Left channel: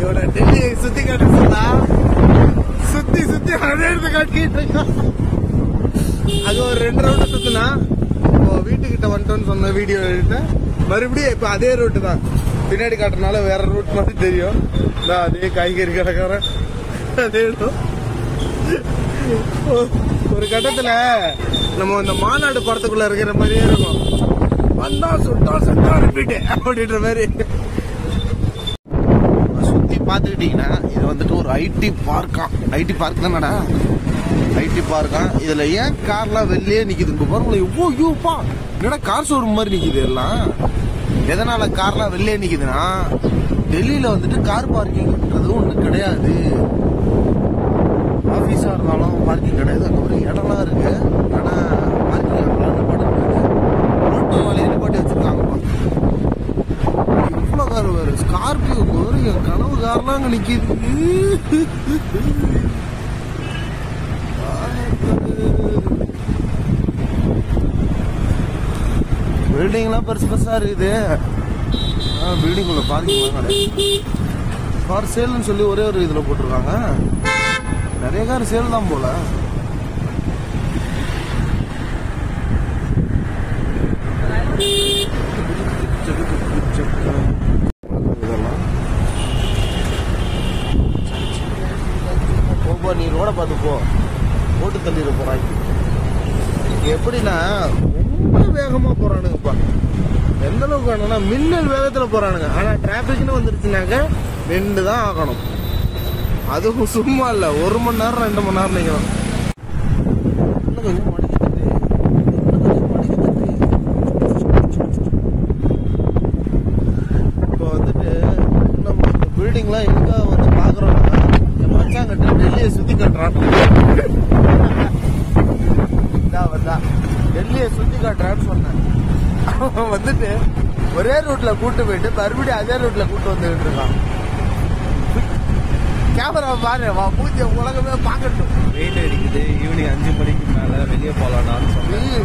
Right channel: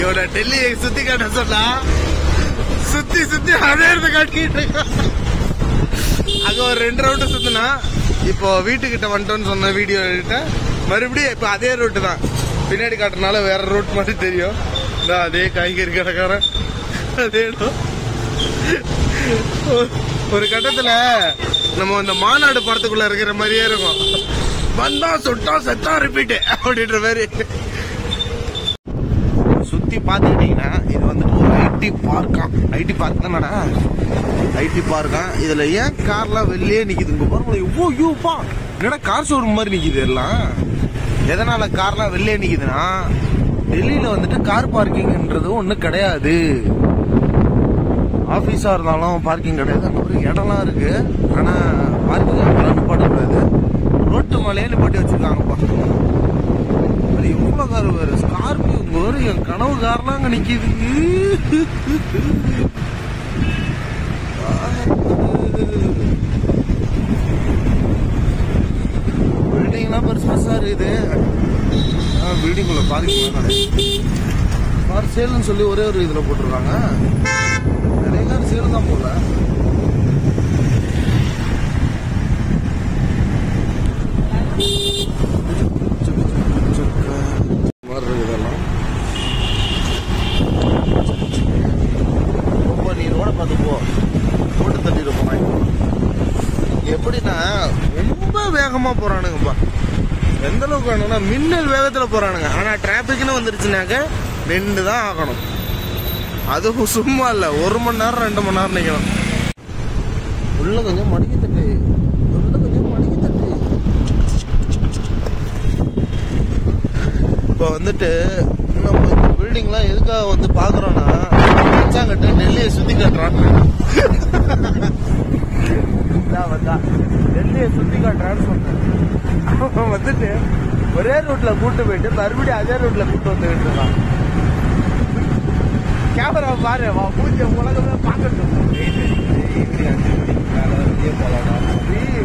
இவனை டெல்லியை சுத்தி காட்ட சொன்னா சுத்தி சுத்தி அதே இடத்த காட்டிட்டு இருக்கான். அங்க ஒரு 2 ரவுண்டு சுத்தினா இப்போ வீட்டுக்கிட்ட வந்துட்டோன்னு சொன்ன வீடியோ எடுத்த மறுபடியும் இப்ப அதே ரூட்டு தான். பின்னாடி காட்டுறதுனால வேற ரூட் மாதிரி தெரியும். அதே காய்கறி கடைக்காரன் அதே இடம். ஒரு கட்டத்துல நம்ம இந்த மாநாடு படத்துக்குள்ள இருக்கிற மாதிரியே இருக்கும். வந்தா சுட்டா செத்தா ரிப்பீட் அப்படின்ற மாதிரி சுத்தி பாத்துக்கிட்டீங்கன்னா இது வந்துட்டு ஒரு ஐடி பார்க்கா. ஐடி பார்க் தானடா, ஐடி பார்க்கா. இதுல ஏன் கார்லாம் வெளியே நிக்குதுங்க பாருங்களேன். எவ்வளோப்பா என்னடா கார் ஷோரூம் மாதிரி நிக்குது எல்லாம். எதனால கார்லாம் வெளியே நிக்குதுன்னா டெல்லியில வந்துட்டு கார் பார்க்கிங்ன்றது ஒண்ணு கிடையாது. ஆபீஸா இருந்தாலும் பார்க்கிங் கிடையாது. அப்புறம் இடம்லாம் இருக்கு, ஆனா பார்க்கிங் பாடக்கூடாது. ரோட்டு மலையில பாட்டி வச்சிருக்காங்கப்பா. எவ்வளவு கார் வேறு, ஸ்கார்பியோ வேறு, என் கனவு கார்லாம் அங்க நிக்குது. பில்டிங்லாம் பெருசு பெருசா இருக்குது. பில்டிங் உள்ள பார்க்கிங் கிடையாது. கார் சேல்னு சொல்லி ஒரே ஒரு இதுல போட்டிருக்காங்க. நிறைய கார் சேல் தான் போல. இதெல்லாம் நீ ரோட பார்த்து போ, போட்டு தட்டிட்டு போறாங்க. எப்படின்னா ரொம்ப வேகமா போறானுங்கப்பா. எந்த அளவுக்கு வேணும்னா மின்னல் வேகத்துல போறானுங்க. ஆனா டிராபிக்னு வந்துருச்சுனாக்க நின்று தான் ஆகணும். அதுவும் சும்மா இல்ல, 1 மணி நேரம் 2 மணி நேரம் நிக்கணும். உள்ள கொஞ்சம் மடிக்க தட்டு, உள்ள கொஞ்சம் மடிக்க தட்டு. இப்போ வந்துட்டு நம்ம பில்டிங்லாம் எதுக்காக வந்து பாக்குறோம்னா கிட்ட டெல்லியை சுத்தி காட்டுறான்னு டெல்லியை சுத்தி காட்டுறான்னு சொன்னேன். அவன் வந்துட்டு ஒரே ரூட்ல கூட்டு போயிட்டு மறுபடியும் அதே ரூட்ல கூட்டு வந்துகிட்டு இருக்கான். கேமரா பாரு, பூஜை உலகமே பாக்கட்டும். ஈவினிங் 5 மணிக்கு மேல வெளியே போலாம்.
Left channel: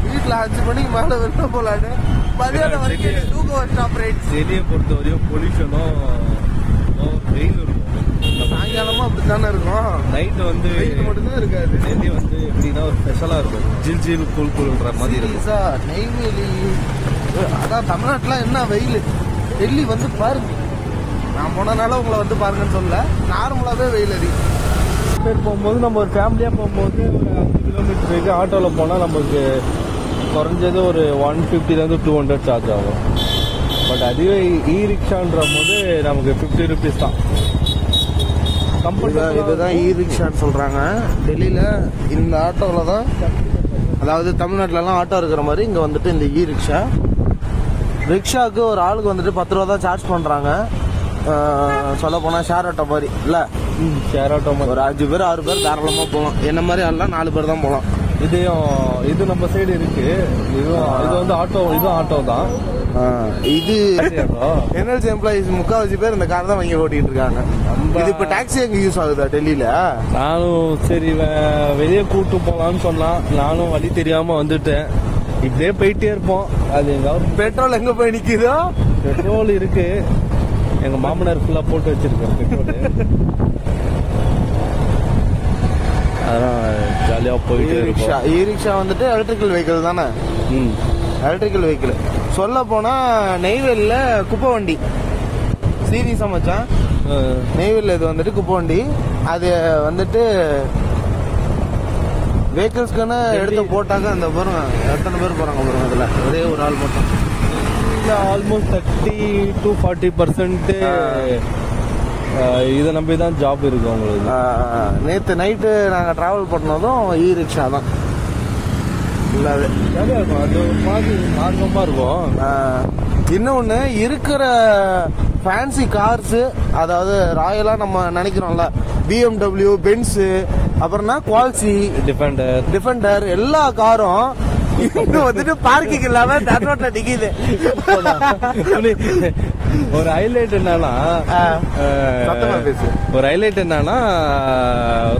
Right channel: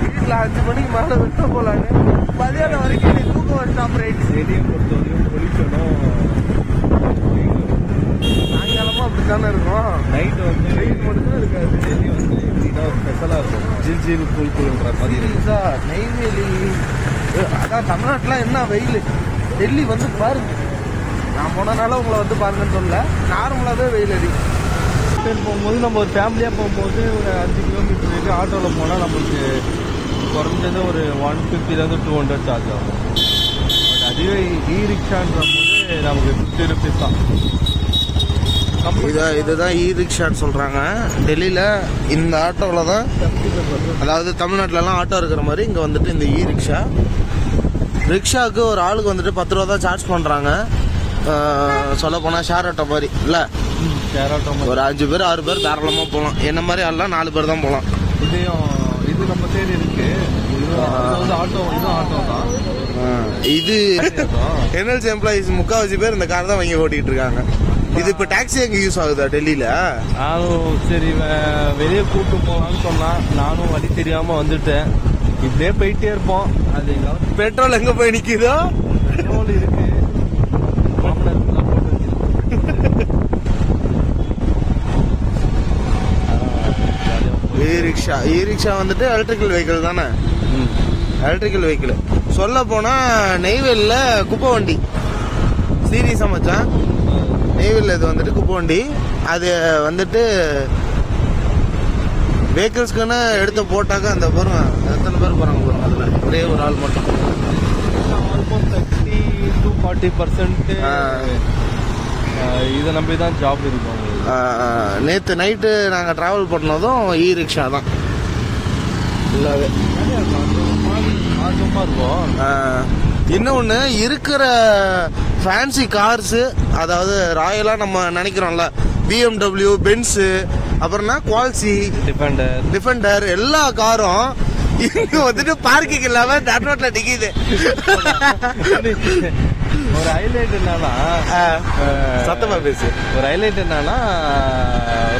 வீட்டுல 5 மணிக்கு மேல வெளியே போலான்னு மதியானம் வரைக்கும் தூக்கம் வச்சான். வெளியே பொறுத்த வரையும் பொல்யூஷனும் சாயங்காலமா அப்படித்தானே இருக்கும். நைட் வந்து வெயில் மட்டும் தான் இருக்காது. டெல்லி வந்து எப்படின்னா ஒரு ஸ்பெஷலா இருக்கும். ஜில் ஜில் கூல் கூல்ன்ற மாதிரி. சீரியஸா நெய்வேலி அதான் தமிழ்நாட்டுலாம் என்ன வெயில். டெல்லி வந்து பாருங்க, நான் போனனால உங்களை வந்து பாருங்கன்னு சொல்லல, நார்மலாவே வெயில் அதிகம். போகும்போது நம்ம ஒரு ஃபேமிலியா போகும்போது 5 கிலோமீட்டர் போயிட்டு ஆட்டோல போனா நமக்கு குறைஞ்சது ஒரு 150 to 200 சார்ஜ் ஆகும். பட் அதுவே இ ரிக்ஷான்ற போது நமக்கு 50 rupees தான். இதுதான் இ ரிக்ஷான்னு சொல்றாங்க டெல்லியில. இந்த ஆட்டோவில் தான், அதாவது தமிழ்நாட்டிலலாம் ஆட்டோ இருக்கிற மாதிரி இங்கே வந்துட்டு இந்த இ ரிக்ஷா. ரிக்ஷாவுக்கு ஒரு ஆளுக்கு வந்துட்டு 10 ரூபா தான் சார்ஜ் பண்ணுறாங்க. சொல்ல போனால் ஷேர் ஆட்டோ மாதிரி இல்லை, ஒரு 5 பேர் 6 பேர் தாராளமாக போகலாம். என்ன மாதிரி ஆள்லாம் 4 பேர் தான் போகலாம். இது நம்ம சைடு இருக்கு. ஆட்டோ தான் இது. என்எல்சி எம்ப்ளாயிஸ் 3/4 பேர் இந்த கார் தான் வாங்கி ஓட்டிட்டு இருக்காங்க. இது இப்ப டாக்ஸி எங்க யூஸ் ஆகுதா டெல்லியில? நானும் சரி வெளியே கூட்டு போலான்னு சொன்னேன். நானும் வழி தெரியாம வந்துட்டேன். இப்படியே போயிட்டே இருப்போம். அது பெட்ரோல் எங்க போய் நிக்குதோ? பெட்ரோல் இருக்கு, எங்க மாமனார் ஃபுல்லா போட்டு வச்சிருக்கேன். இ ரிக்ஷா வந்துட்டு எலக்ட்ரிக்கல் வெஹிக்கிள் தானே. எலக்ட்ரிக்கல் வெஹிக்கிள் சொல்ல போனா நெய்வேலில குப்பை வண்டி சீரியஸா மச்சான். நெய்வேலில இது வந்துட்டு குப்பை வண்டி. அது வந்துட்டு வெஹிக்கிள்ஸ்க்குன்னு எடுத்து போட்டாக்க அந்த பாருங்க எத்தனை பேர் போறாங்க பாருங்க. அதுல ஒரே ஒரு ஆள் மட்டும். ஆல்மோஸ்ட் 30 to 40% இதை நம்பி தான் ஜாப் இருக்கும். நேற்று நைட்டு நாங்கள் டிராவல் பண்ணதும் இ ரிக்ஷா தான் இல்லாத. இன்னொன்று இருக்கிற ஃபேன்சி கார்ஸு, அதாவது ராயலாக நம்ம நினைக்கிறோம்ல, BMW, பென்ஸு, அப்புறம்னா குவால்சி, டிஃபெண்டர் எல்லா காரும் இங்க வந்துட்டு பார்க்கிங் இல்லாம தமிழ்நாட்டுல நிக்குது. ஒரு ஹைலைட் என்னன்னா சத்தமா பேசு. ஒரு ஹைலைட் என்னன்னா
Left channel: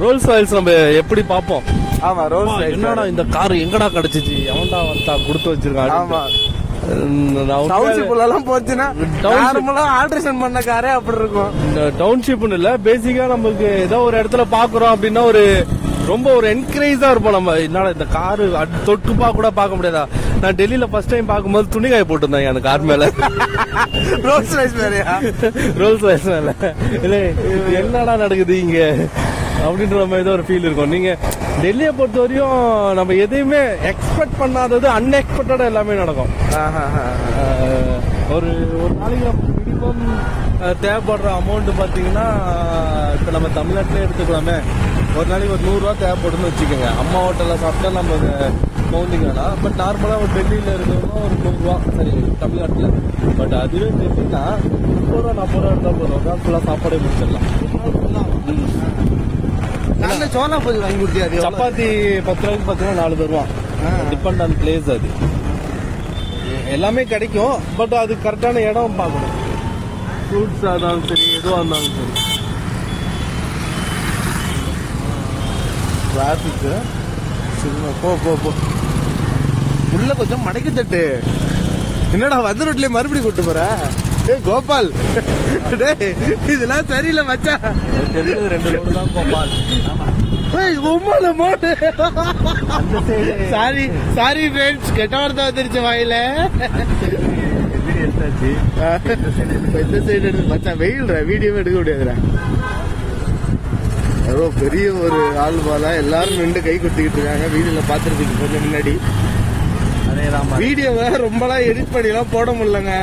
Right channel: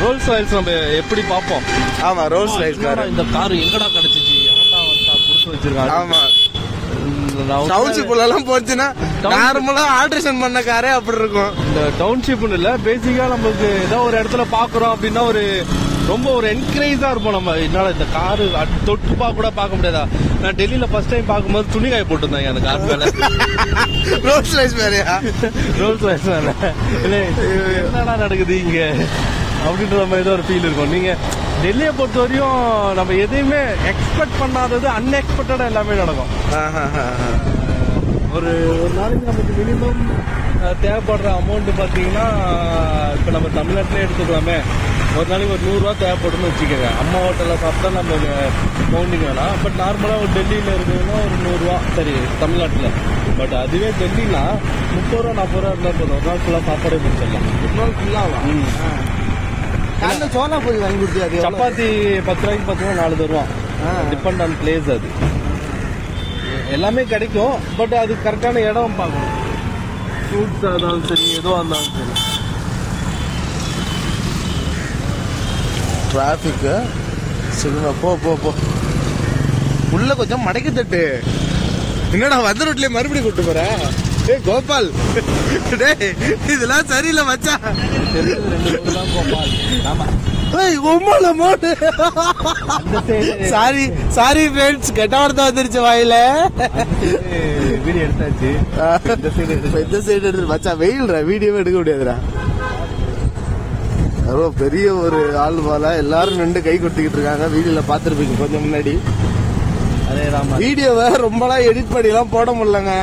ரோல்ஸ் ராய்ஸ் நம்ம எப்படி பார்ப்போம். ஆமா, ரோல்ஸ் ராய்ஸ் கார். இந்த கார் எங்கடா கிடைச்சிச்சு, எவன்டா வந்தா கொடுத்து வச்சிருக்காங்க. ஆமா, டவுன்ஷிப்ல எல்லாம் போச்சுன்னா நார்மலா ஆல்ட்ரேஷன் பண்ண காரே அப்படி இருக்கும். இந்த டவுன்ஷிப்னு இல்ல, பேசிக்கா நமக்கு ஏதோ ஒரு இடத்துல பாக்குறோம் அப்படின்னா ஒரு ரொம்ப ஒரு என்கரேஜா இருப்போம். நம்ம என்னால இந்த காரு தொட்டு கூட பார்க்க முடியாதா? நான் டெல்லியில ஃபர்ஸ்ட் டைம் பார்க்கும்போது துணிகாய போட்டிருந்தாங்க அந்த கார் மேல. ரோல்ஸ் ரைஸ் மேலயா? ரோல்ஸ் ரைஸ் மேல இல்ல, என்னடா நடக்குது இங்க அப்படின்ற மாதிரி ஏதோ ஒரு ஃபீல் இருக்கும். நீங்க டெல்லியை பொறுத்த வரையும் நம்ம எதையுமே எக்ஸ்பெக்ட் பண்ணாதது அன்எக்ஸ்பெக்டடா எல்லாமே நடக்கும். ஒரு நாளைக்கு நமக்கு மினிமம் தேவைப்படுற அமௌண்ட் பாத்தீங்கன்னா, இப்ப நம்ம தமிழ்நாட்டிலே எடுத்துக்கலாமே, ஒரு நாளைக்கு ஒரு 100 ரூபா தேவைப்படும்னு வச்சுக்கோங்க. அம்மா ஹோட்டல்ல சாப்பிட்டா நம்ம கவுண்டிங் வேணாம். பட் நார்மலா ஒரு டெல்லியில இருக்கிறவங்க ஒரு 100 ரூபா, சரி தமிழ்நாட்டுல. பட் அதுவே டெல்லினா 30 ரூபா 40 ரூபா இருந்தா போதும், ஒரு நாள் ஃபுல்லா சாப்பாடே முடிச்சிடலாம். ஒரு நாள் ஃபுல்லாவா? சோனா பொரி வாங்கி கொடுத்தியா? சப்பாத்தி 10 ரூபாய்க்கு பார்த்தீங்கன்னா 4 ரூபா. Depend on place. அது எல்லாமே கிடைக்கும், பட் அது கரெக்டான இடம் பார்க்கணும். ஃப்ரூட்ஸா இருந்தாலும் சரி, எதுவாக இருந்தாலும் சரி. டிராஃபிக்கு சரிங்க, போ உள்ள கொஞ்சம் மடக்கி தட்டு. என்னடா வந்த ரோட்ல மறுபடியும் கூட்டு போற? ஏய் கோபால், இதெல்லாம் சரியில்லை மச்சான். 2 ரோடு தான் கோபால். ஆமா, சாரி ஃப்ரெண்ட்ஸ், கெட்ட வார்த்தை வந்துருச்சு வாயில. இந்த சைடு எடுத்து மச்சான், வெயில்ரா, வீடியோவே எடுக்க முடியாதுடா. ஏதோ பெரிய ஒரு ஆள் போல எல்லாரும் நின்று கை கொட்டிக்கிட்டு இருக்காங்க. வீடியோல பாத்துருப்பீங்க கொஞ்சம் முன்னாடி. வீடியோவை ரொம்பலாம் எடிட் பண்ணிலாம் போட முடியலங்க.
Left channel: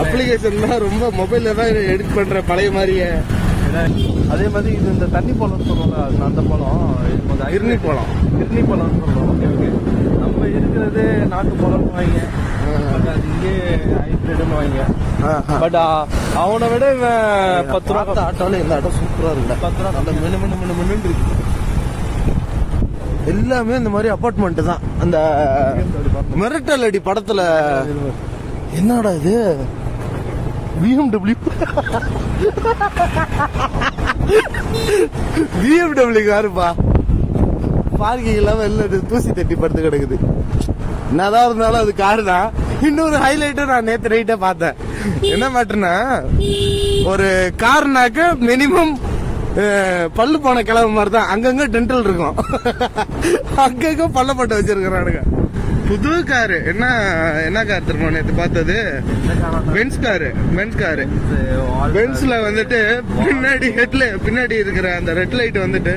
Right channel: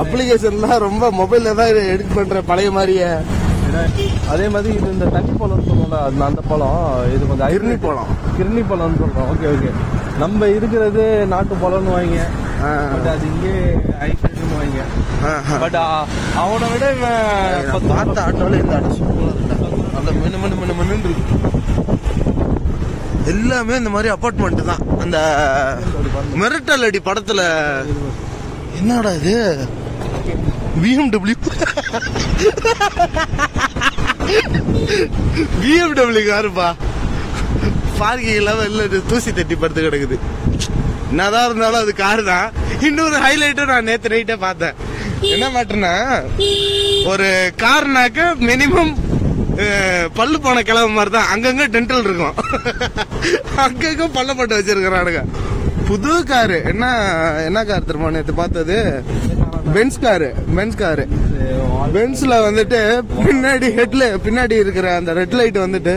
அப்ளிகேஷன் தான் ரொம்ப மொபைல்ல தான் எடிட் பண்ற பழைய மாதிரியே. அதே மாதிரி இது இந்த தண்ணி பழம்னு சொல்லுவோம்ல, அந்த பழம் இது கொஞ்சம் கிர்னி பழம் சொல்றோம். Okay okay. நம்ம இருக்கிறது நாட்டு பழம்னு வாங்க, பட் அது இங்கே ஹைபிரிட்னு வாங்க. பட் அவனை விட பார்த்த ஆட்டோல இந்த ஆட்டோ சூப்பரா இருக்கு. அந்த மின்னு இருக்கு. எல்லாமே இந்த மாதிரி அபார்ட்மெண்ட் தான். அந்த மிரட்டல் அடி படத்துல என்னடா இது BMW காருப்பா. பார்க்கிங் இல்லாம இல்ல, தூசி தட்டி படுத்து கிடக்குது. என்னதான் இருந்தாலும் அது காரு தான். இன்னொரு ஹைலைட்டும் நான் நேத்து நைட்டே பார்த்தேன். என்ன மேட்டர்னா, ஒரு கார்னாக்க மினிமம் பல்லு போன கிளம்பு மாதிரி தான். அங்கங்க டென்டல் இருக்கும், அங்கங்க பல்ல போட்டு வச்சிருக்கிறானுங்க. புது காரு. என்ன கார் தெரியுமா நேத்து பார்த்தது? Benz car. பென்ஸ்ல வந்துட்டு பின்னாடி இருக்கிற அந்த ரெட் லைட் வந்துட்டு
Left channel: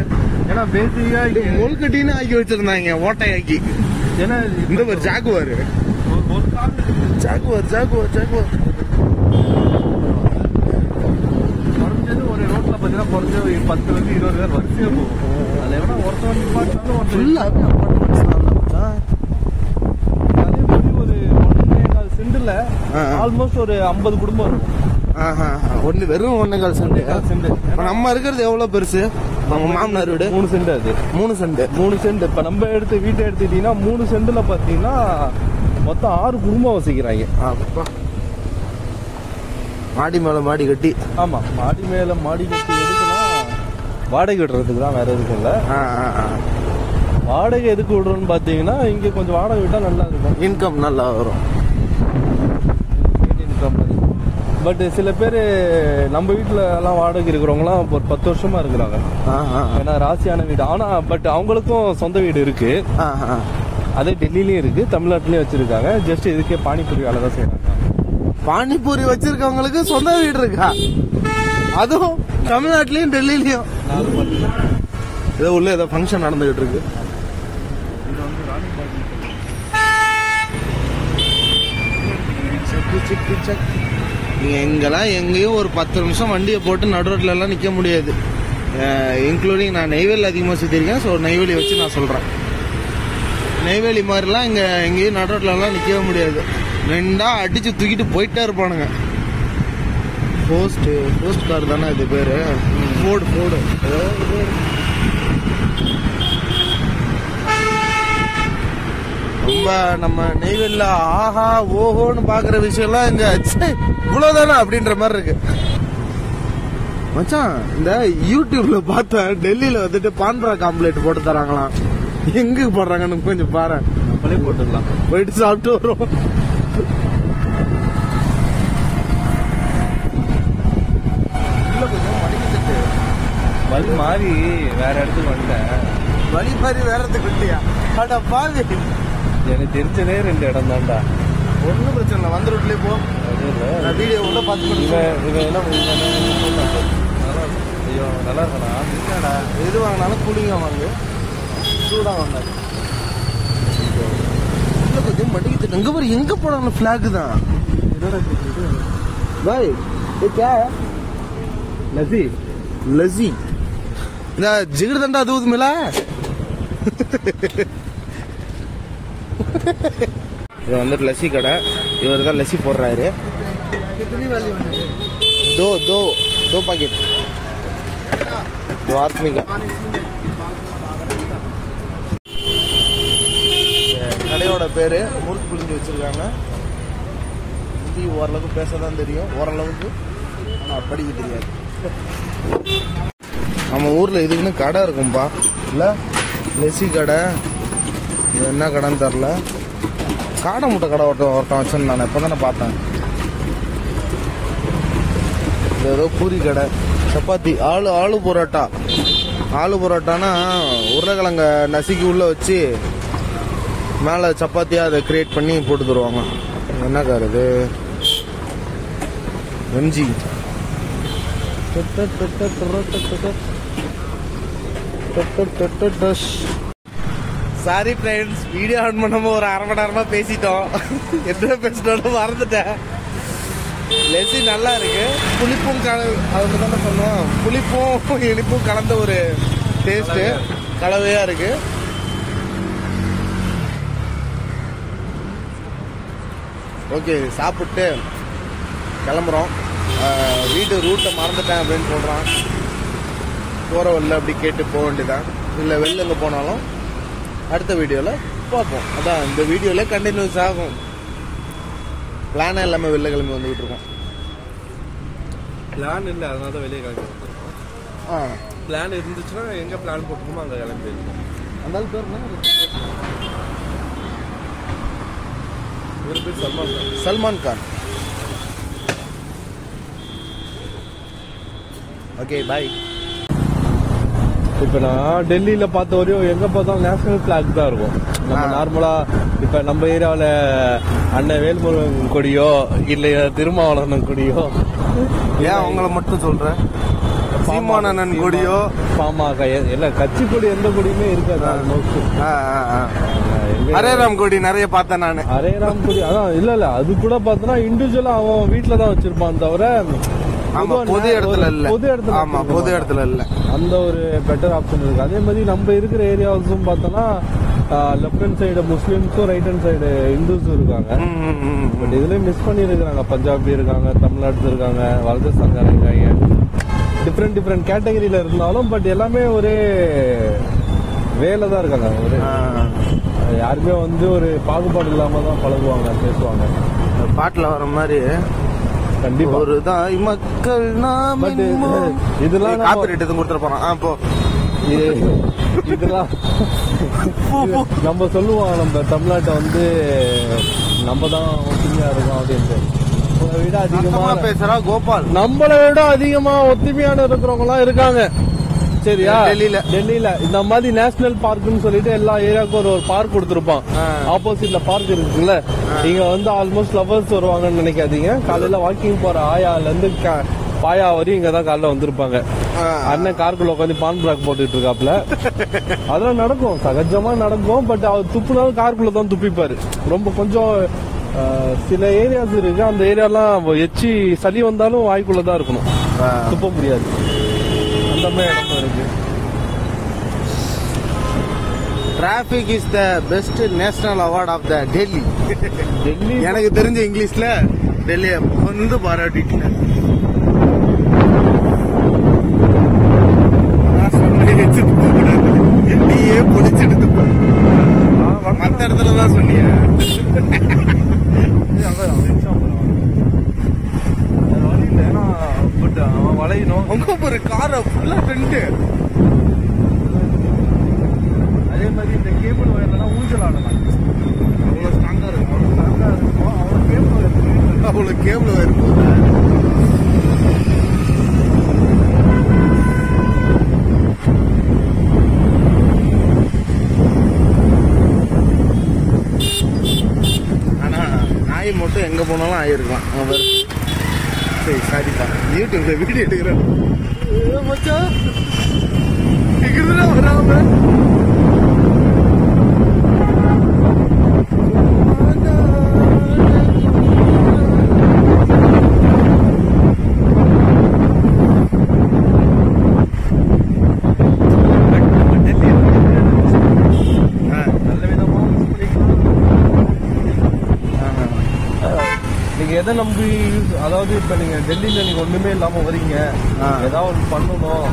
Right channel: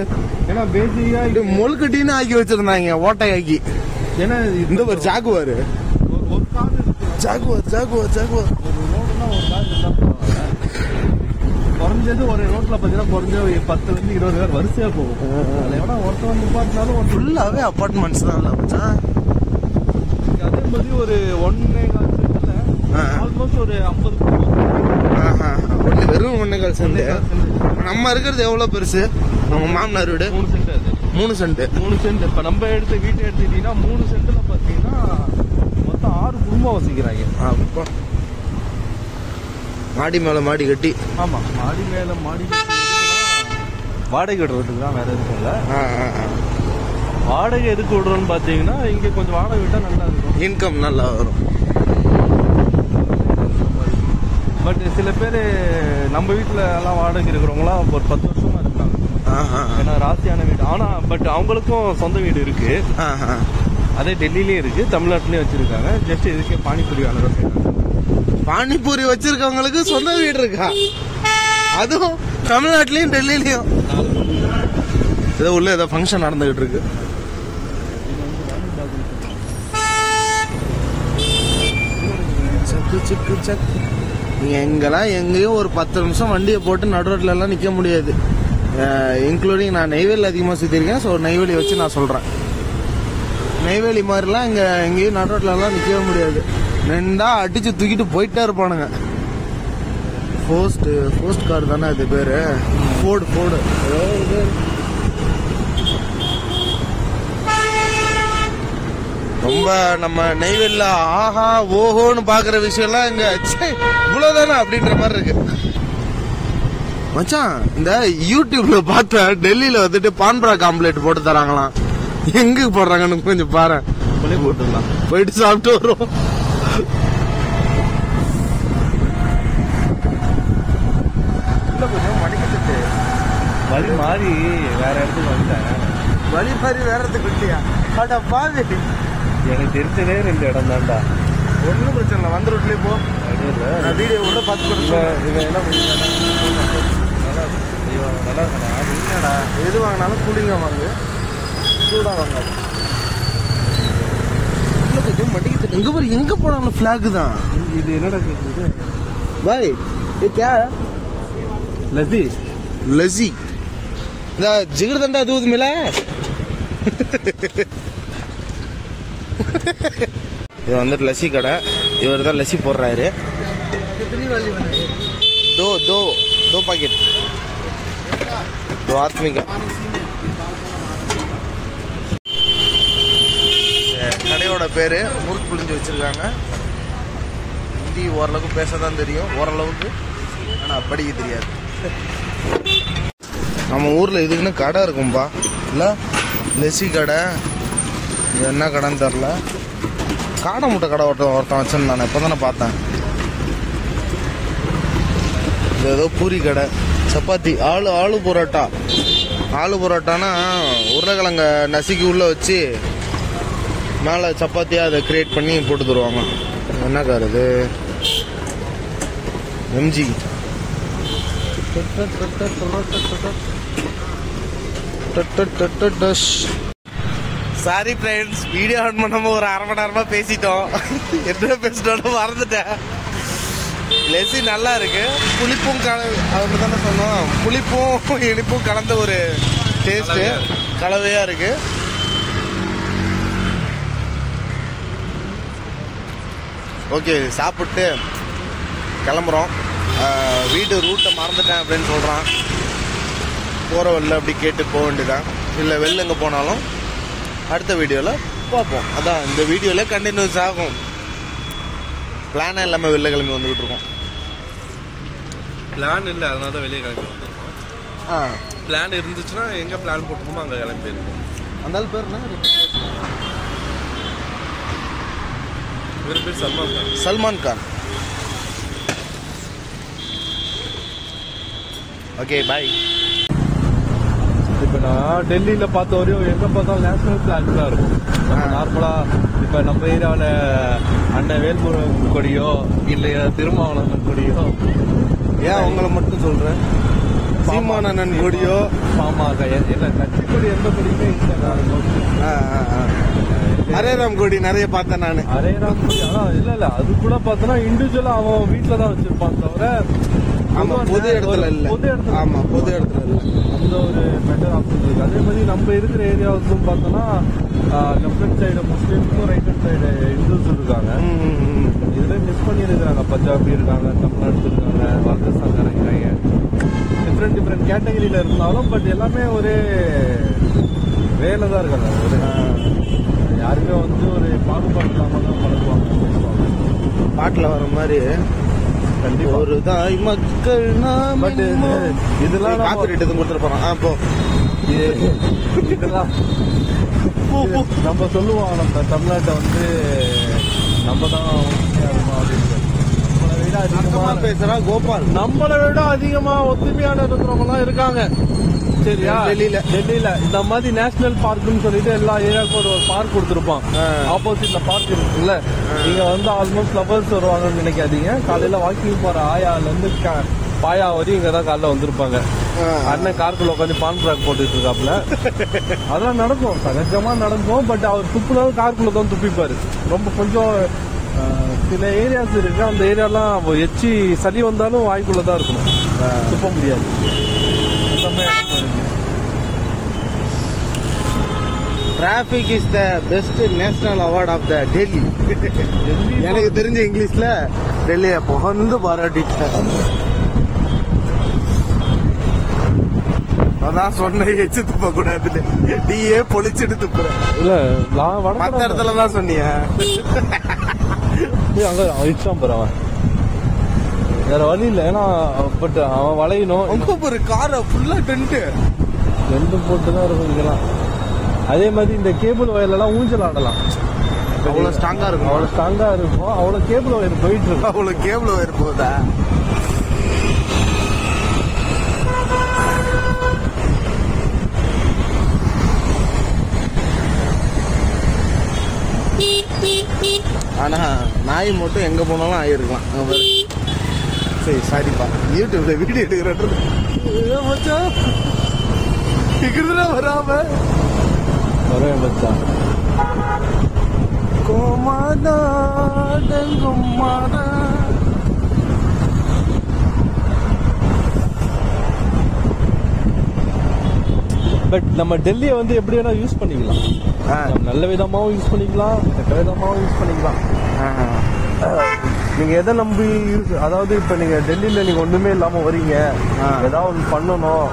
ஏன்னா பேசிக்கா முழுக்கட்டின்னு ஆக்கி வச்சிருந்தாங்க, ஓட்டையாக்கி. ஏன்னா இந்த ஒரு ஜாகுவார் ஒரு ரோட்ல பாத்தீங்கன்னா குறைஞ்ச 10-20 பேர் வரிசையா போகும். அதுல வேணா ஒருத்தவன் நிப்பாட்டினாலும் ஃபுல்லாவே அபார்ட்மெண்ட்ஸ் தான். அதே மாதிரி ஒரு 1.25 சென்ட்ல ஆல்மோஸ்ட் ஒரு 50 குடும்பம் இருக்கும். வெறும் 1.25 சென்ட். நம்ம இருக்கிறது எவ்வளவு பெருசு? நம்ம மாமனார் வீடு 3 சென்ட். அது 3 சென்ட். இப்ப நம்ம வீட்டை எடுத்துட்டீங்கன்னா 3 சென்ட்ல பாத்தீங்கன்னா மொத்தம் 6 குடும்பம் வசிக்கிறாங்க. மாடி மேல மாடி கட்டி. ஆமா, மாடி மேல மாடி கட்டி வாடகை விடுறதுக்கு தான், வேற எதுவும் இல்ல. வாடகை எதுக்கு விடுறோம்னு பாத்தீங்கன்னா, இங்க கொஞ்சம் வாடகை விட்டா நல்லா இருக்கும், இன்கம் நல்லா வரும். பட் சில பேர் நம்ம வீட்டுல எல்லாம் வாடகை இருக்கிறவங்களாம் ஒரு 10 வருஷமா இருக்கிறாங்க. ஏன்னா ராசியான வீடு. ஆனா பட் அவங்களுக்கும் சொந்த வீடு இருக்கு. அதே டெல்லிலயும் இருக்கு, தமிழ்நாட்டிலயும் வச்சிருக்காங்க. ஜஸ்ட் இதுக்கே பானிபூரி வேலை செய்யறாங்க. பானிபூரி வச்சிருக்கவங்களுக்கு சொந்த வீடு இருக்கா? அதுவும் தமிழ்நாட்டிலயும் டெல்லிலயும். ஏதோ உள்ள ஏதோ ஃபங்க்ஷன் நடந்துகிட்டு இருக்கு. நீங்க எங்கெல்லாம் எங்கேயும் ஒரு 10 நிமிஷம் வண்டியை போட்டு நடுரோட்ல எல்லாம் நிக்க முடியாது. இன்க்ளூடிங் நான் நெய்வேலி அதிகமா சுத்திருக்கேன். ஸோ நெய்வேலி வச்சு நான் சொல்றேன். நெய்வேலி மாதிரிலாம் இங்க எங்கேயும் நடுரோட்ல எல்லாம் நிக்கவே முடியாது. ரெண்டா அடிச்சு தூக்கிட்டு போயிட்டே இருப்பானுங்க. போஸ்ட் கார் தானே இது பேரு? ஃபோர்டு. ரொம்ப நம்ம நெய்வேலில ஆஹா ஓஹோன்னு பாக்குற விஷயம்லாம் இங்க இவ்வளவுதானே அப்படின்ற மாதிரி இருக்கு மச்சான். இந்த யூடியூப்ல பார்த்தா டெல்லியில வந்துட்டு பான்பரா காம்ப்ளேட் போட்டு தராங்களாம். எங்க போடுறாங்கன்னு கொஞ்சம் பாரு. போட்டுடலாம், போயிட்டு சாப்பிட்டு வரும். கொஞ்சம் மணிக்கிட்டு வழி மாறி வேற இடத்துக்கு வந்துட்டேன். வழி மாதிரி வேற இடத்துக்கு விட்டியா? அடா பாவி, எனக்கு தெரிஞ்சதே 2 இடம் தான்டா. ஒன்றும் பிரச்சனை இல்லை, வந்து ரோட்லேயே போ. நான் வீடியோ கூட பார்த்து இவன் என்ன ஐயோ நல்லா இருக்கா? இல்லைடா, எது வாங்கினாலும் கூலிங்காக வாங்க, சூடாக வாங்காது. இல்லை கொஞ்சம் மடிக்கிட்டு இங்கே பாரு, எங்கே போனாலும் ஃப்ளாக் தான். இது என்ன பாய் क्या लस्सी लस्सी ना जिगर दंदा दूध मिला இது வந்துட்டு லஸ்ஸி கடை. இவர் தான் லஸ்ஸி போடுறாரு. दो दो दो पैकेट दो आदमी का. கடையோட பேரு முறுக்கு புளிஞ்சு வச்சிருக்காங்க. ஹிந்தி ஓரளவுக்கு பேச தான் தெரியும், ஓரளவுக்கு, ஆனால் படிக்க தெரியாது. நம்ம ஊரில் இதுக்குன்னு கடை இருக்கும்பா, இல்லை லஸ்ஸி கடை. இது என்ன கடைன்னு தெரில. காடை முட்டை கடை ஒருத்தன் வச்சேன்னு நான் இப்போ தானே பார்த்தேன். இது ஏதோ பூரி கடை, சப்பாத்தி, ஆளு பரோட்டா. ஆளு பரோட்டானா உருளைக்கிழங்க நசுக்கி உள்ளே வச்சு மேலே சப்பாத்தியாக அதை கிரியேட் பண்ணி போட்டு தருவாங்க. என்ன கார் இது? MG. Sorry friends, video on பண்ணாம ஒரு 1/2 மணி நேரமா பேசிட்டோம். என்ன பேசிட்டோன்னு மறந்துட்டேன். லஸ்ஸி நல்லா இருக்கு, புளிப்பும் அப்படி தானே சொன்னோம், புளிப்பும் இனிப்பும் கலந்த ஒரு டேஸ்ட், கலவையா இருக்கு. ஓகே, சாப்பிட்டு கிளம்புறோம். வீடு ரூட்டை மறந்துட்டேன் அப்படின்னு சொல்கிறான். போகிற வழியில் அப்படி கேட்டு போக வேண்டியதான். இல்லை வெளில எங்கே போனாலும் அடுத்த வீடியோவில் பார்ப்போம். அதான் இந்த வீடியோவில் கண்டினியூஸ் ஆகும். பிளானே இல்லாமல் வெளில கிளம்பி வந்துக்கிட்டு இருக்கோம். பிளான் இல்லை, அதனால தான் வெளியே கிளம்பி வந்துருக்கோம். பிளான் இருந்துச்சுன்னா எங்கே பிளான் போட்டுருக்கோமோ அங்கே கிளம்பி இருக்கோம். அந்த பேர் என்ன? இவர் பேர் சல்மான் கான். சல்மான் கான். Okay bye. இப்போ நான் டெல்லியில் பார்த்த வரையும் எங்கே பார்த்தாலும் நேஷனல் ஃபிளாக் தான் இருக்கும். நார்மலாக இப்போ நம்ம ஏரியாவில் அண்ணன் வேல்முருகன் கொடியோ இல்லை திருமாவளவன் கொடியோ, ஏன் அவங்கள மட்டும் சொல்கிறேன், சீமானன் கொடியோ, ஆமாம், இல்லை கட்சி கொடி எந்த கொடியுமே இருக்காது. ஹரேராம் கொடி நிறைய பார்த்தேன் நான். ஹரேராம் கொடி அதான் இல்லை அது கூட பார்த்தோன்னா இண்டிவிஜுவலாக அவன் வீட்டில் தான் வச்சிருப்பான் தவிர, ஆமா பொது இடத்துல இல்ல. ஆமா பொது இடத்துல இல்ல. அந்த ஒரு பெட்டர் ஆப்ஷன் இருக்கு. அதே மாதிரி நம்ம இருக்கிற ஏரியாஸும் பார்த்தோம்னா லெஃப்ட் ஹேண்ட் சைடு முஸ்லீம்ஸும் ரைட் ஹேண்ட் சைடு இந்துஸ் இருக்காங்க. பட் இதுல மிஸ் பண்ணிருக்காங்க. பஞ்சாபி இருக்காங்க, தமிழ்நாடு இருக்காங்க, ராஜஸ்தான் இருக்காங்க. டிஃப்ரெண்ட் கேட்டகரியில இருந்தாலும் பட் எல்லாமே ஒரே வேலை தான் இருக்காங்க. ஒரு யாருமே வந்து ஒரு பாகுபாடு இல்லாம தான் பழகுவாங்க, பேசுவாங்க. பாட்டுல வர மாதிரி ஒரு தாய் மக்கள் நாம. இதெல்லாம் காப்பிரைட் கொடுத்துட்டு போறோம். அப்போ இதெல்லாம் நம்ம சொல்லுவோம், நம்ம தமிழ்நாட்டை வந்து நம்ம தான் அப்படின்னு. நம்மளை விட அதிகமா பேசுறா கோபால். நம்மளை விட அதிகமா ஒத்துமையான இருக்கிறவங்க எல்லாம் இருக்காங்க. சரியா? டெல்லியில இந்த மாதிரி நேஷனல் பார்க்னு சொல்லிட்டு எல்லா ஏரியாவுக்கும் ஒரு பார்க் கொடுத்துருப்பான். ஆப்போசிட்ல பார்க் இருக்குல்ல, நீங்க வந்து ஆல்மோஸ்ட் ஃபிளவர்ஸ் வருவாங்கன்னு நினைக்காதீங்க. காலையில வாக்கிங் போற ஆயால இருந்து பாயா வரையும் இங்கதான் காலைல வந்திருப்பாங்க. அண்ணன் காருக்குள்ள உட்காந்து பான் பிளாக் போட்டுட்டு இருக்காப்புல. அதெல்லாம் நடக்கும், சகஜமா நடக்கும். பட் அவர் துப்புனவும் காருக்குள்ள தான் துப்பிப்பாரு. ரொம்ப கொஞ்சம் சில ஏரியாஸ் இருக்கு, அந்த ஏரியாலாம் எச்சி சளி வந்தாலும் வாய்க்குள்ளதான் இருக்கணும், துப்ப முடியாது. Traffic is the best national award of the Delhi. எனக்கு தெரிஞ்ச இங்கிலீஷ்ல டெல்லியை புகழ்ந்து பாராட்டிட்டேன். அதான் சொன்ன எச்சு துப்ப கூடாது, நீயே பொடிச்சிட்டு துப்ப. மற்ற இடத்துல தான் சொன்னிய. வேற வழி இல்லை, ஏன்னா பட் அவன் வளையணும். அங்க ஒரு காரை ஃபுல்லா டென்ட் போட்டுதான் இருக்கும். அதே மாதிரி இந்த கேபிள் வயர்லாம் ஊஞ்சல் ஆடலாம். அவ்வளோ ஸ்ட்ராங்கா இருக்கும். அவ்வளோ கேபிள் வயர் போயிட்டு இருக்கு. அவ்வளோ கேபிள் வயர் போதா? ஆகி மட்டும் எங்கே போனாலும் ஆகிருக்கலாம். அவர் சரி சாரிப்பா, யூடியூப்ல வீடியோ எடுக்கிறேன் மச்சான் வராம பட் நம்ம டெல்லியை வந்து எப்படி வேணா யூஸ் பண்ணிக்கலாம். நல்ல விதமாகவும் யூஸ் பண்ணிக்கலாம், விதமாகவும் யூஸ் பண்ணிக்கலாம். நீங்க எதை நம்பி, அதாவது இப்ப நீங்க டெல்லியில நீங்க ஒண்ணுமே இல்லாம வரீங்க, ஏதாவது ஒன்று பண்ணணும்,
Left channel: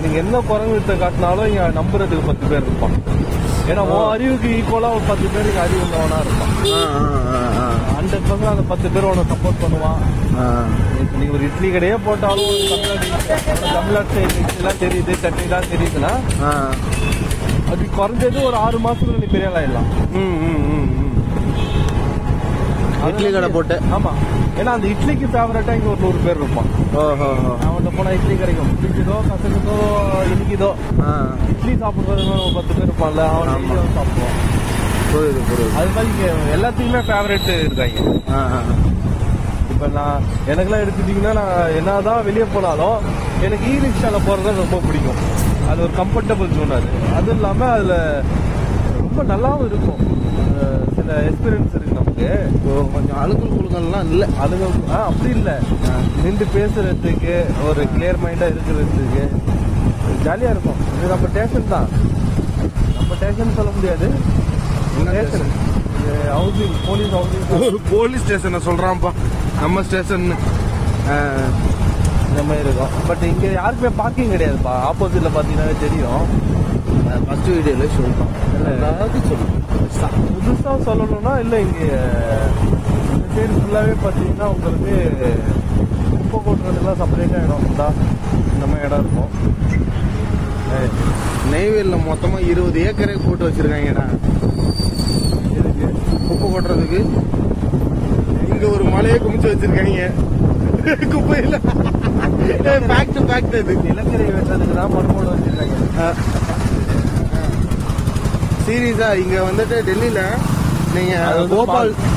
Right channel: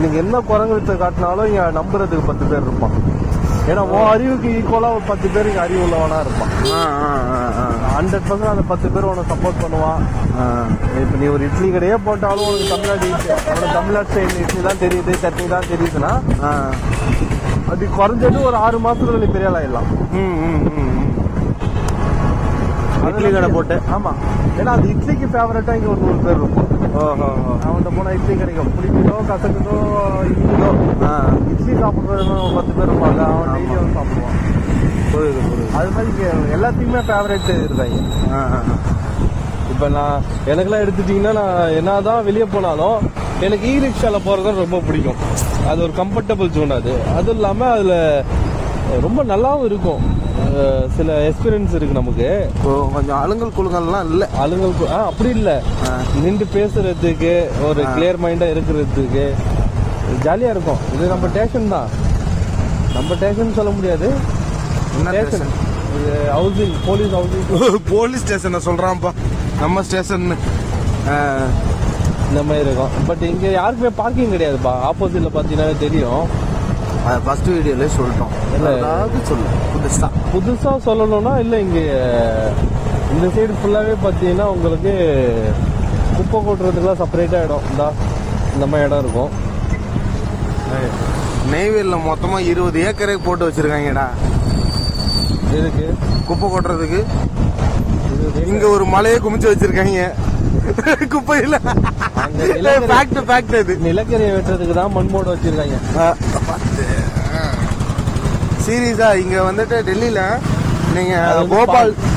நீங்க என்ன குரங்குத்த காட்டினாலும் இங்க நம்புறதுக்கு 10 பேர் இருப்பான். ஏன்னா உன் அறிவுக்கு ஈக்குவலா ஒரு 10 பேருக்கு அறிவு உள்ளவனா இருப்பான். 100% அந்த 10 பேர் உனக்கு சப்போர்ட் பண்ணுவான். இப்ப நீ ஒரு இட்லி கடையே போட்டாலும் தமிழ்நாட்டு இட்லி தான் தெரியுது, சட்னி தான் தெரியுதுன்னா அது குறைஞ்சது ஒரு 6 மாசத்துல நீ பெரிய ஆயிடலாம். இட்லி கடை போட்டு. ஆமா, ஏன்னா அந்த இட்லிக்கு ஃபேவரட்டா இங்க ஒரு 100 பேர் இருப்போம். அவன் போனா இட்லி கிடைக்கும், பிடிக்குதோ கசக்குதோ இருக்குதோ, இட்லி சாப்பிடுறது 10 பேர் இருப்பான்ல, அவன் சாப்பிடுவான். புரியுது புரியுது. அதுக்காக எல்லாத்துக்குமே ஃபேவரட் இருக்காங்க. இப்ப நான் எனக்குலாம் எடுத்துட்டீங்கன்னா, நான் என்னதான் வெளியே போனாலும் எனக்கு இ ரிக்ஷால போறது ரொம்ப பிடிக்கும். அது ஒரு கம்ஃபர்டபுள் ஜோன். அது இல்லாம அதுல ரொம்ப நல்லாவும் இருக்கும். சில எக்ஸ்பீரியன்ஸ் இருக்கு நமக்கு. கொஞ்சம் அலுங்கல் குழுங்கள்லாம் இல்லை, அலுங்கல் அப்படி இல்லை, நின்று பேசுறதுக்கு ஒரு கிளியர் மைண்டா இருக்கிறதுக்கு ஜாலியா இருக்கும். இது நம்ம ஸ்டேஷன் தான், நம்ம ஸ்டேஷன் சொல்ல முடியாது. ஹவுசிங் போலீஸ் ஹவுசிங் போலீஸ் ஸ்டேஷனை சொல்றான்ப்பா, நம்ம ஸ்டேஷன் இந்த மாதிரி இருக்கும். பட் இங்க யாருக்குமே பார்க்கிங் கிடையாதுப்பா. ஆப்போசிட்ல பாத்தீங்கன்னா தெரியும். ஃபர்ஸ்ட் வீடியோல சொல்லிட்டோம், புதுசா சொல்லணும்னா இல்லை, இங்க இந்த சைடு ஃபுல்லாவே பாத்தீங்கன்னா உங்களுக்கு குப்பை கொட்டுறதுலாம் செப்பரேட்டா இடம் தான், இந்த மாதிரி இடம் இருக்கும். நெய்வேலியில் மொத்தமா 20 ஏக்கரே போட்டு வச்சிருக்காங்கடா குப்பை கொட்டுறதுக்கு. இங்க ஒரு மலையை குமிச்சு வச்சிருக்காங்க குப்பையில. நிலக்கரியை வெட்டுறதுக்கு தான் மண்மோடு வச்சிருக்காங்க. சீரியஸா இங்க வந்துட்டு டெல்லியில நீங்க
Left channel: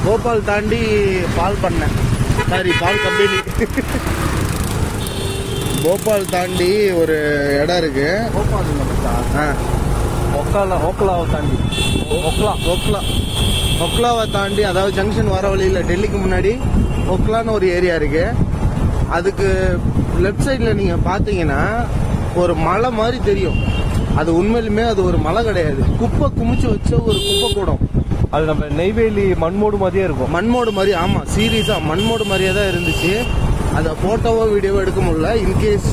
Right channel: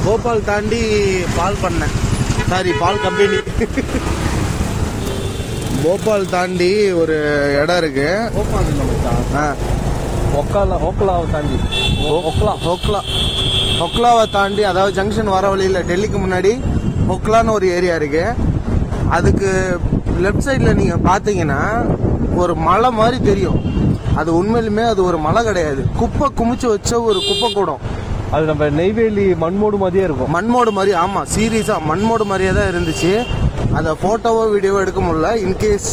போபால் தாண்டி பால் கம்பெனி போபால் தாண்டி ஒரு இடம் இருக்கு. போபால் ஓக்லாவை தாண்டி ஒக்லாவை தாண்டி, அதாவது ஜங்ஷன் வர வழியில டெல்லிக்கு முன்னாடி ஒக்லான்னு ஒரு ஏரியா இருக்கு. அதுக்கு லெப்ட் சைட்ல நீங்க பாத்தீங்கன்னா ஒரு மலை மாதிரி தெரியும். அது உண்மையிலுமே அது ஒரு மலை கிடையாது, குப்பை குமிச்சு வச்ச ஒரு குப்பை கூடம். அது நம்ம நெய்வேலி மண்மோடு மாதிரியே இருக்கும். மண்மோடு மாதிரி, ஆமா சீரியஸா மண்மோடு மாதிரியே தான் இருந்துச்சு. அதை போட்டோவோ வீடியோவோ எடுக்க முடியல. இன்கேஸ்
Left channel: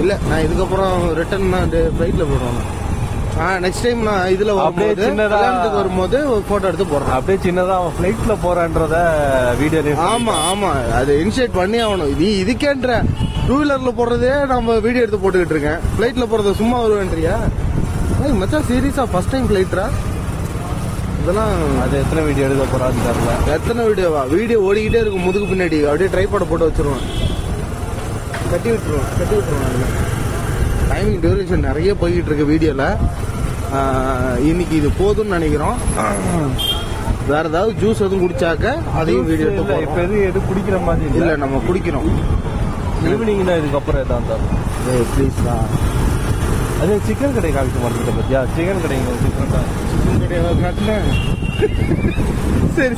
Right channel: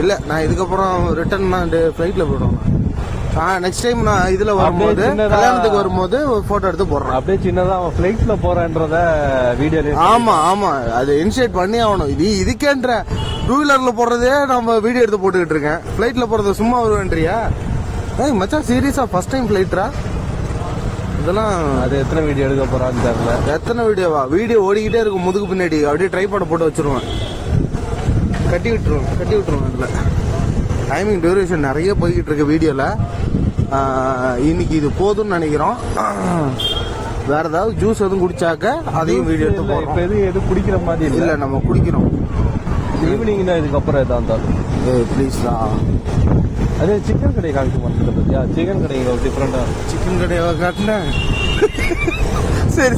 இல்லை, நான் இதுக்கப்புறம் ரிட்டர்ன் நான் ஃபிளைட்ல போயிடுவேன். நெக்ஸ்ட் டைம் நான் இதுல வரும்போது, கல்யாணத்துக்கு வரும்போது போட்டோ எடுத்து போடுறேன். அப்படியே சின்னதா அவன் ஃபிளைட்ல போறான்றத வீடியோ. ஆமா ஆமா, அது இனிஷியேட் பண்ணி ஆகணும். இதுக்கேன்ற 2 வீலர்ல போடுறதே நம்ம வீடியோ எடுத்து போட்டுக்கிட்டு இருக்கேன். ஃபிளைட்ல போறது சும்மா வருவேன்றியா மச்சான்? சீரியஸா ஃபர்ஸ்ட் டைம் ஃபிளைட்ரா இதெல்லாம்? அது எத்தனை வீடியோ எடுக்க போறான்னு தெரியல. எத்தனை வீடியோவா? வீடியோ ஓடிக்கிட்டே இருக்கும் முதுகு பின்னாடி, அப்படியே ட்ரைபாட் போட்டு வச்சிருவேன். கட்டி விட்டுருவேன். டைமிங் டியூரேஷன் நிறைய போய்கிட்டு இருக்கு வீடியோல. இன்னைக்கு இது போதும்னு நினைக்கிறோம். வேற ஏதாவது ஜூஸ் எதுவும் குடிச்சாக்க அதையும் வீடியோ எதுவும் குடிக்கிற மாதிரி இல்ல, நம்ம குடிக்கிறோம் ஈவினிங் தான். இதுக்கப்புறம் எதா இருந்தாலும் ப்ளீஸ் தான். அது சிக்கன் கடை காமிக்க மாட்டேங்குது பத்தியா? சிக்கன் கடைங்க டிஃப்ரெண்டா. சிக்கன் கடையை காட்டல. சரி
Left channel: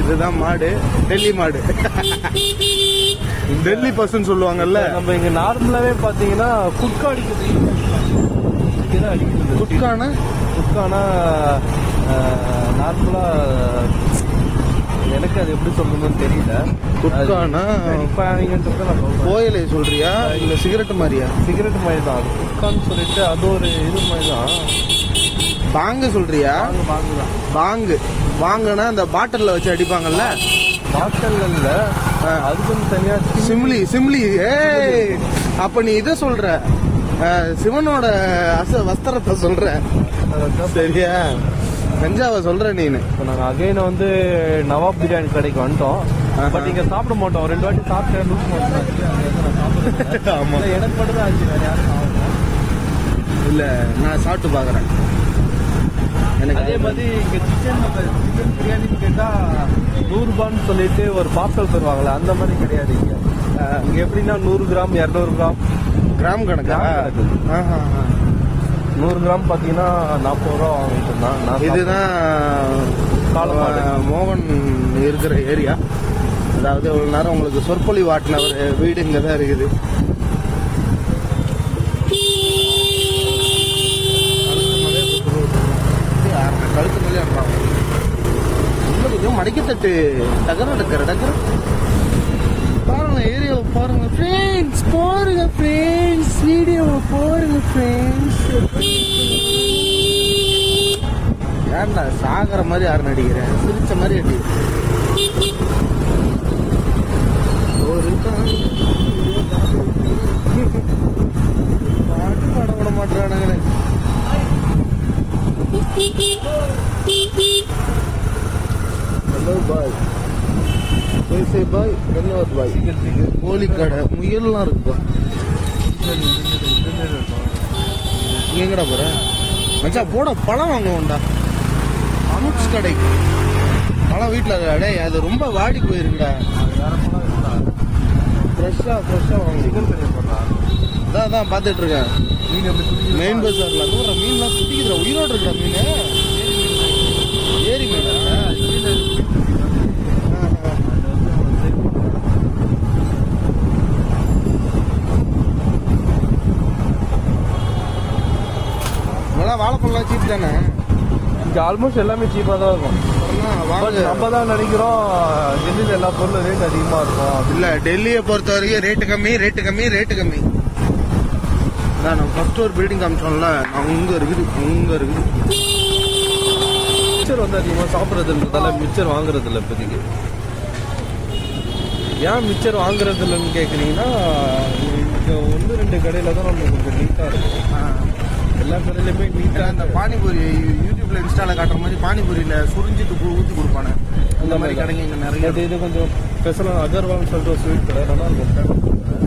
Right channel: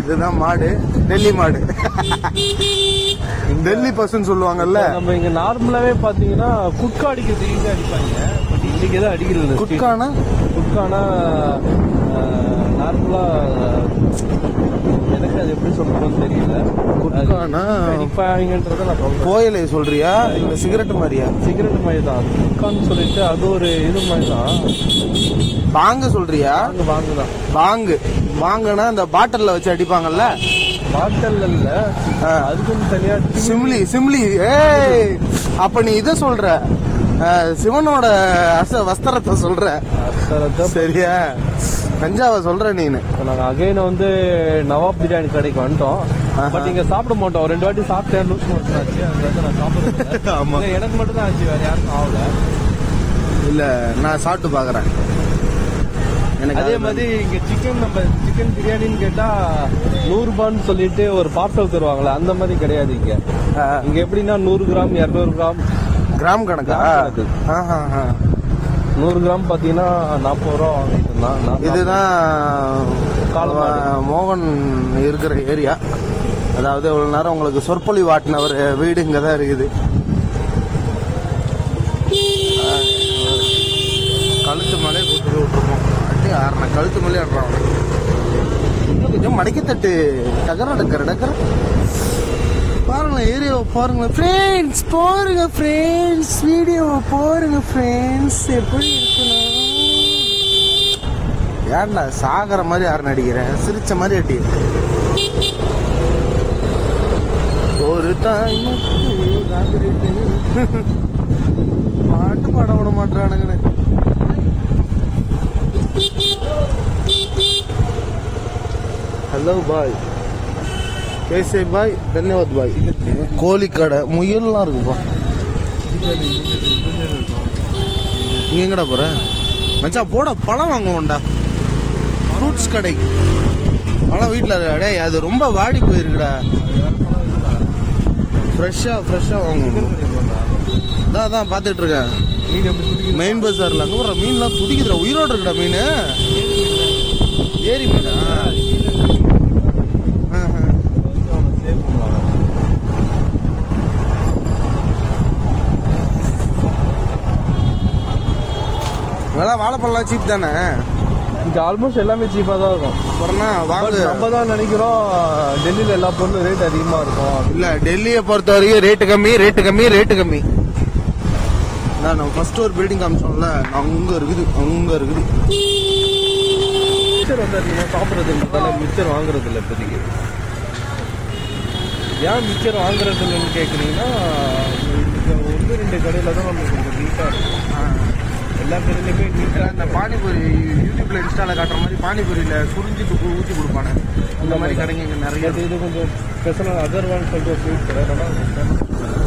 இதுதான் மாடு, டெல்லி மாடு. டெல்லி பர்சன் சொல்லுவாங்கல்ல. நம்ம இங்க நார்மலாவே பாத்தீங்கன்னா குட்கா அடிக்கிறது ஈஸியா அடிக்கிறாங்க. இன்னைக்கு தான் அடிக்கிறது. குட்கானா நார்மலா எனக்கு அது எப்படி சொல்றதுன்னு தெரியல. குட்கானா கோயிலை சொல்றியா இல்ல சிகரெட் மாதிரியா? சிகரெட் மாதிரி தான் குட்கான்னு சொல்லிட்டு அது ஒரு இது மாதிரி தான். பாங்கு சொல்றியா? பாங்குனா அந்த பாட்டில்ல வச்சு அடிப்பாங்கல்ல. பாட்டில் இல்ல, அதுக்கு தனியா சிம்லி. அப்ப நீ இத சொல்ற, சிவனோட வஸ்திரத்தை சொல்ற சரியா? கஞ்சாவை சொல்ற நீனு. நாங்க அகைன் வந்து நவாப் பிரியாணி கடைக்கு வந்துட்டோம். பட் இங்க சாப்பிட மாட்டோம். 2 வாட்டி சாப்பிட்டேன். ஆமா, எனக்கு மட்டும் இல்ல நான் சாப்பிட்டு பாக்குறேன். எனக்கு அதே மாதிரி இங்க சிக்கன் பிரியாணின்னு கேட்டா 100 ரூபான்னு சொல்லிட்டு ஒரு பாப்கார்ன் தருவாங்களா, அந்த மாதிரி கிடையாது இங்க. இங்க எப்படின்னா 100 கிராம் 200 கிராம் கிராம் கணக்கா? 100 கிராம் பாத்தீங்கன்னா 40 ரூபா வாங்கிட்டு. இதுதான் மோகன் இருக்கிற ஏரியா. அதாவது இவ்வளவு நேரம் உங்களுக்கு சொற்பொழிவு வாட்டினவர் வீடு இங்க தான் இருக்குது. கழுத்து மலை விட்டுருக்கோம், கழுத்து மலையா இருக்கும். இதே மடிக்கத்தட்டு டகர டக்கர டக்கர பாருங்க, ஏரியாவை பாருங்க ஃப்ரெண்ட்ஸ், போடுங்க ஃப்ரெண்ட்ஸ், வீடியோவை போடுங்க ஃப்ரெண்ட்ஸ். எப்படி யாருண்ணா சாகர மாதிரி யாரு நடிக்கிறேன், சிரிச்ச மாதிரி அடிக்கிறேன். ஒரு பாட்டு பாட விட மாட்டானுங்க. ஹலோ பாய், பேசே பாய், தன்யவாத் பாய். கோழிக்கடை முயல்லாம் இருக்குப்பா. நீ எங்கடா போற மச்சா? போட பழம் வாங்குவோம்டா, ஃப்ரூட்ஸ் கடை. ஆனால் வீட்டில் அது ரொம்ப வாடி போயிருக்குடா. ஃப்ரெஷ்ஷாக அதான் பார்த்துட்டு இருக்கேன். மெயின் பஜார்ல மீன்லாம் துடிக்குதுடா, உயிரோடு இருக்குடா மீன். ஏரி மீன் நல்லா. வாழைப்பழம் சீப் தானே இங்க? ஆல்மோஸ்ட் எல்லாமே சீப்பா தான் இருக்கும். நம்ம தான் நினைக்கிறோம் டெல்லியில எல்லா பொருளும் ரேட் அதிகமா இருக்கும். இல்ல, டெல்லியை பொறுத்த வரைக்கும் ரேட்டு கம்மி, ரேட்டு கம்மி, ரேட்டு கம்மி. நான் ஃபர்ஸ்ட் ஒரு பில்டிங் காமிச்சோம்ல, அங்க இருக்குது, அங்க இருக்குது. மிக்சர் வந்து அதிகமாக சாப்பிட்றதுன்றதால மிக்சர் வாங்குறது இல்லை இப்போதைக்கு. ஏன் மிக்சர் வாங்குறது இல்லைன்னு கேட்குறீங்கன்னா, இந்த 1-2 கடையில் தான் நம்ம கொஞ்சம் நீட்டாக இருக்கும். எல்லா கடையிலுமே நீட்டாக இந்த பானிபூரி யூடியூப்ல இன்ஸ்டால காட்டுற மாதிரி பானிபூரியில சுரிஞ்சிட்டு ஊற்றி கொடுப்பானே, அந்த மாதிரி கடைங்க இங்கே நிறைய. இது கொஞ்சம் ஸ்பெஷலாக அகர்வால் சொல்லிட்டு ஸ்வீட் கடை.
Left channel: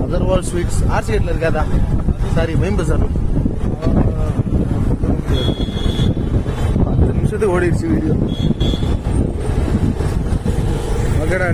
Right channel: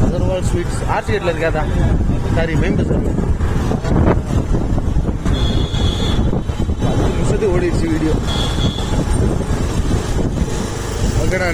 அகர்வால் ஸ்வீட்ஸ் ஆர்சிகேட்ல இருக்காதா? சாரி, மெயின் பஜார். ஓடிடுச்சு வீடியோ. ஓகேடா.